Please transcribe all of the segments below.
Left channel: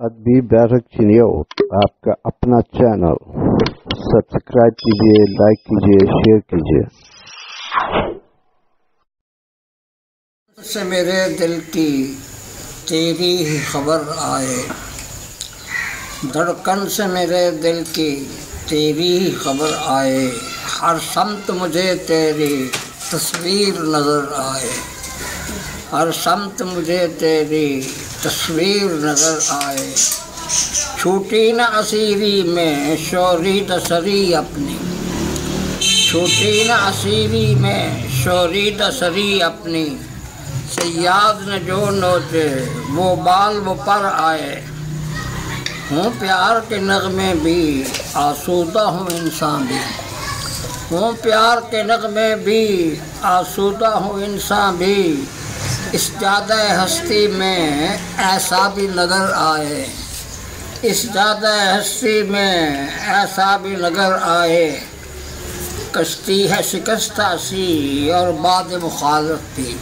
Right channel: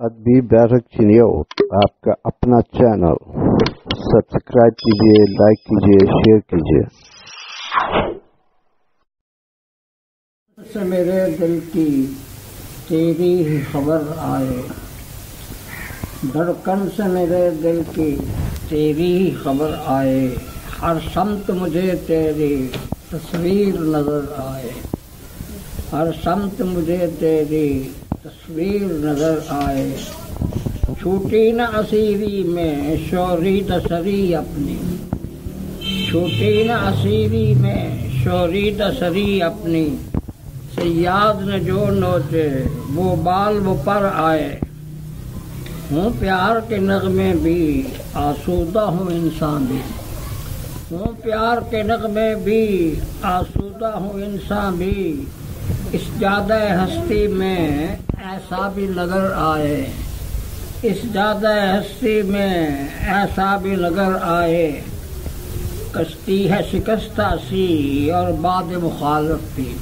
ادبی بیٹھک چینیو آپ کا اپنا چینل سبسکرائب کیجیے، لائک کیجیے، شیئر کیجیے۔ سے میرے دل کی تیری ہی خبر آئے، دھڑکن سے میرے دل کی تیری ہی خبر آئے، ہر سمت مجھے تیری تصویر نظر آئے، ہر سمت مجھے تیری تصویر نظر آئے، چھوٹی نہ اسیری میں شوریدہ سری اپنی، چھوٹی نہ اسیری میں شوریدہ سری اپنی، صیاد نے جو نوچے وہ بال وہ پر آئے، ہوں پیار کے نغمے بھی آسودہ ہوں انسان بھی، ہوں پیار کے نغمے بھی آسودہ ہوں انسان بھی، اس جادہ ہستی میں ایسا بھی نظر آئے، اس جادہ ہستی میں ایسا بھی نظر آئے، کشتی ہے شکستہ سی اور باد مخالف بھی،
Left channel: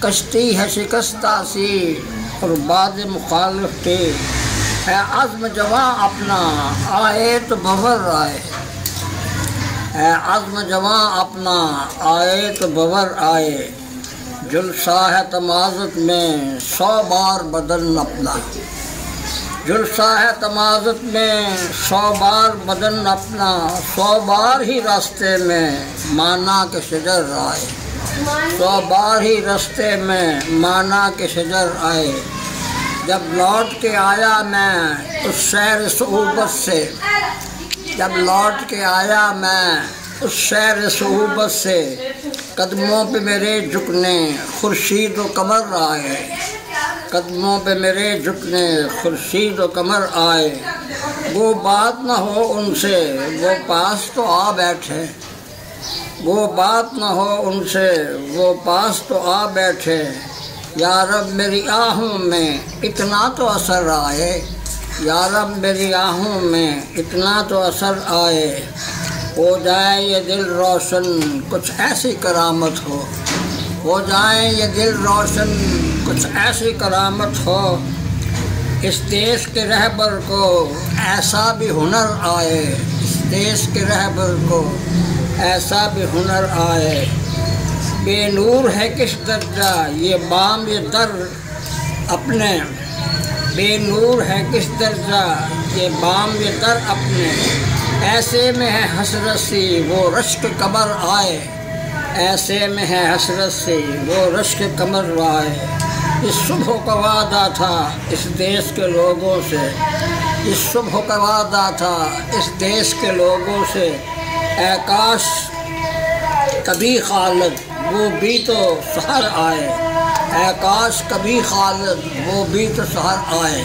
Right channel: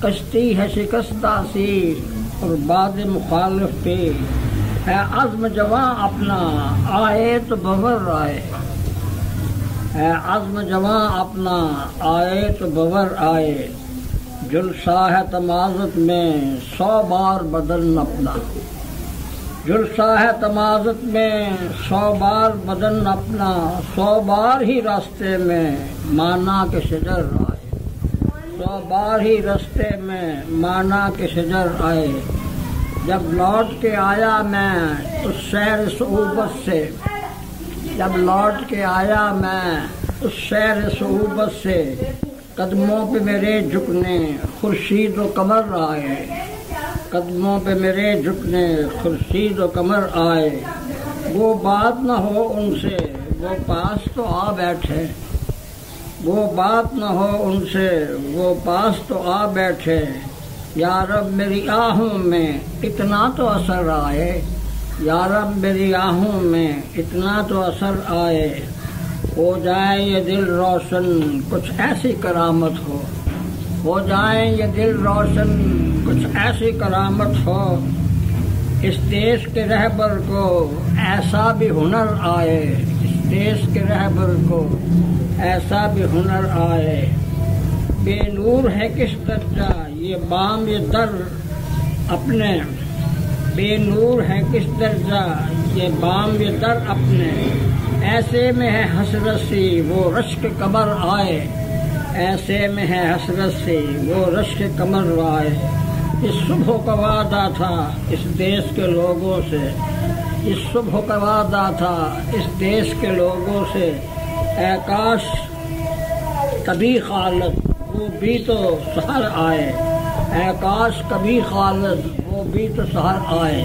کشتی ہے شکستہ سی اور باد مخالف بھی، ہے عزم جواں اپنا آئے تو بور آئے، ہے عزم جواں اپنا آئے تو بور آئے، جلسہ ہے تمازت میں 100 بار بدن اپنا، جلسہ ہے تمازت میں 100 بار بدن اپنا، 100 بار ہی راستے میں مانا کے شجر آئے، 100 بار ہی راستے میں مانا کے شجر آئے، جب لوٹ کے آیا میں اس شہر صعوبت سے، جب لوٹ کے آیا میں اس شہر صعوبت سے، قدموں پہ میرے جھکنے خورشید و قمر آئے، قدموں پہ میرے جھکنے خورشید و قمر آئے، وہ بات نہ ہو ان سے وہ پاس تو آ بیٹھے، وہ بات نہ ہو ان سے وہ پاس تو آ بیٹھے، یا رب میری آہوں میں اتنا تو اثر آئے، یا رب میری آہوں میں اتنا تو اثر آئے، ہو جائے یہ دل روشن کچھ ایسی کرامت ہو جائے یہ دل روشن کچھ ایسی کرامت ہو، اس دیش کے رہبر کو ایسا بھی ہنر آئے، اس دیش کے رہبر کو ایسا بھی ہنر آئے، بے نور ہے کس درجہ یہ بام یہ در اپنے، بے نور ہے کس درجہ یہ بام یہ در اپنے، ایسے میں ہے حسرت سی وہ رشک قمر آئے، ایسے میں ہے حسرت سی وہ رشک قمر آئے، اس صبح کا وعدہ تھا اس دیش کے لوگوں سے، اس صبح کا وعدہ تھا اس دیش کے لوگوں سے، اے کاش کبھی خالد وہ بھی تو سحر آئے، اے کاش کبھی خالد وہ بھی تو سحر آئے۔